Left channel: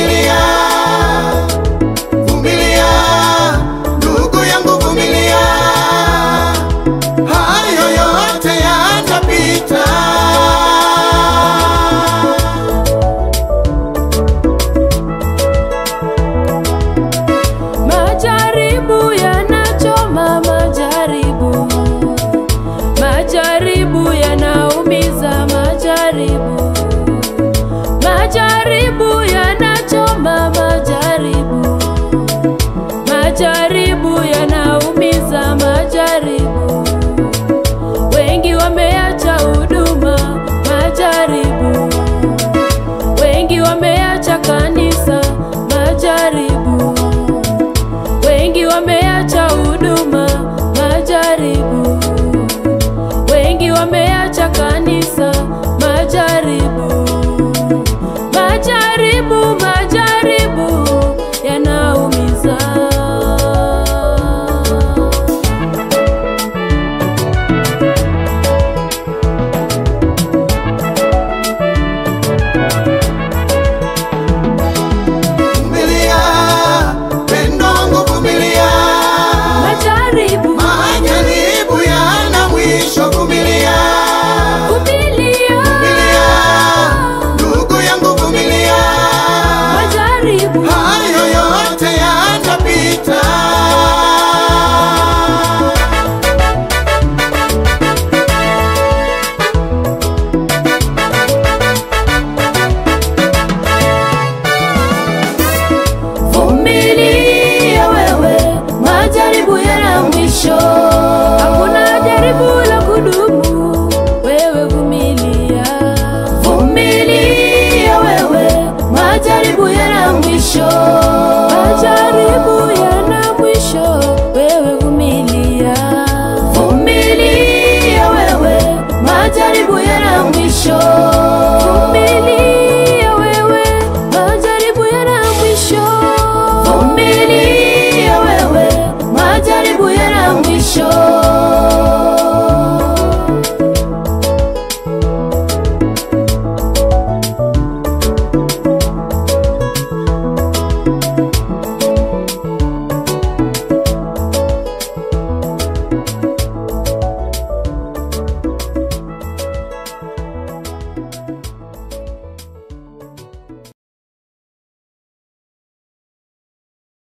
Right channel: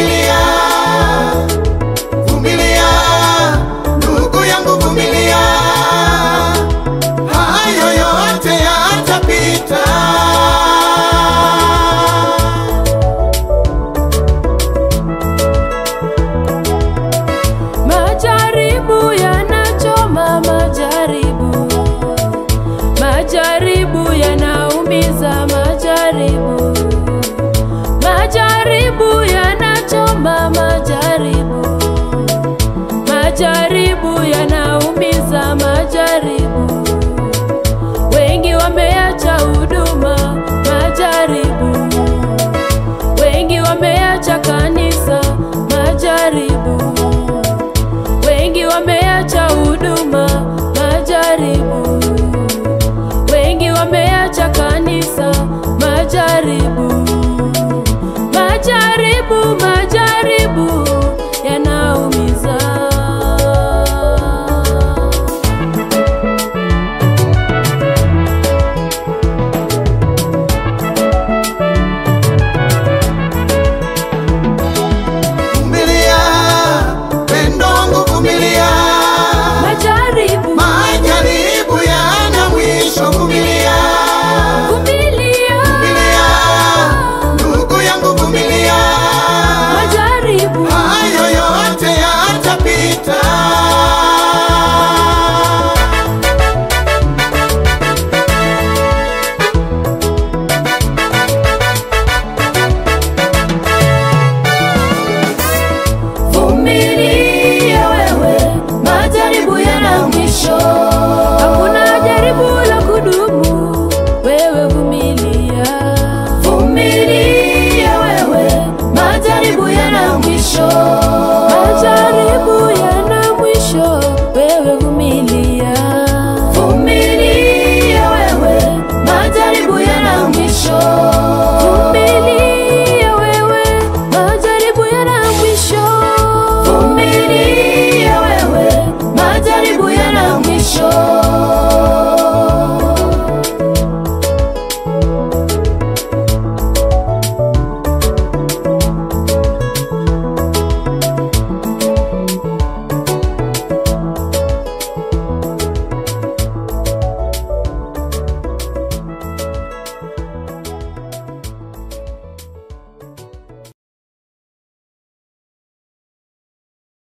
vumilia, vumilia, ndugu yangu vumilia, hayo yote yatapita. Majaribu yanachoma, majaribu yanaumiza, majaribu yanachoma, majaribu yanaumiza, wengi wameacha huduma, wengi wameacha kanisa, wengi wameacha huduma, wengi wameacha kanisa, majaribu yanaumiza. Vumilia, pendo wangu vumilia, majaribu yana mwisho. Vumilia, vumilia, ndugu yangu vumilia, majaribu hayo yote yatapita. Vumilia wewe, majaribu yana mwisho. Hakuna jaribu la kudumu, wewe vumilia. Vumilia wewe, majaribu yana mwisho.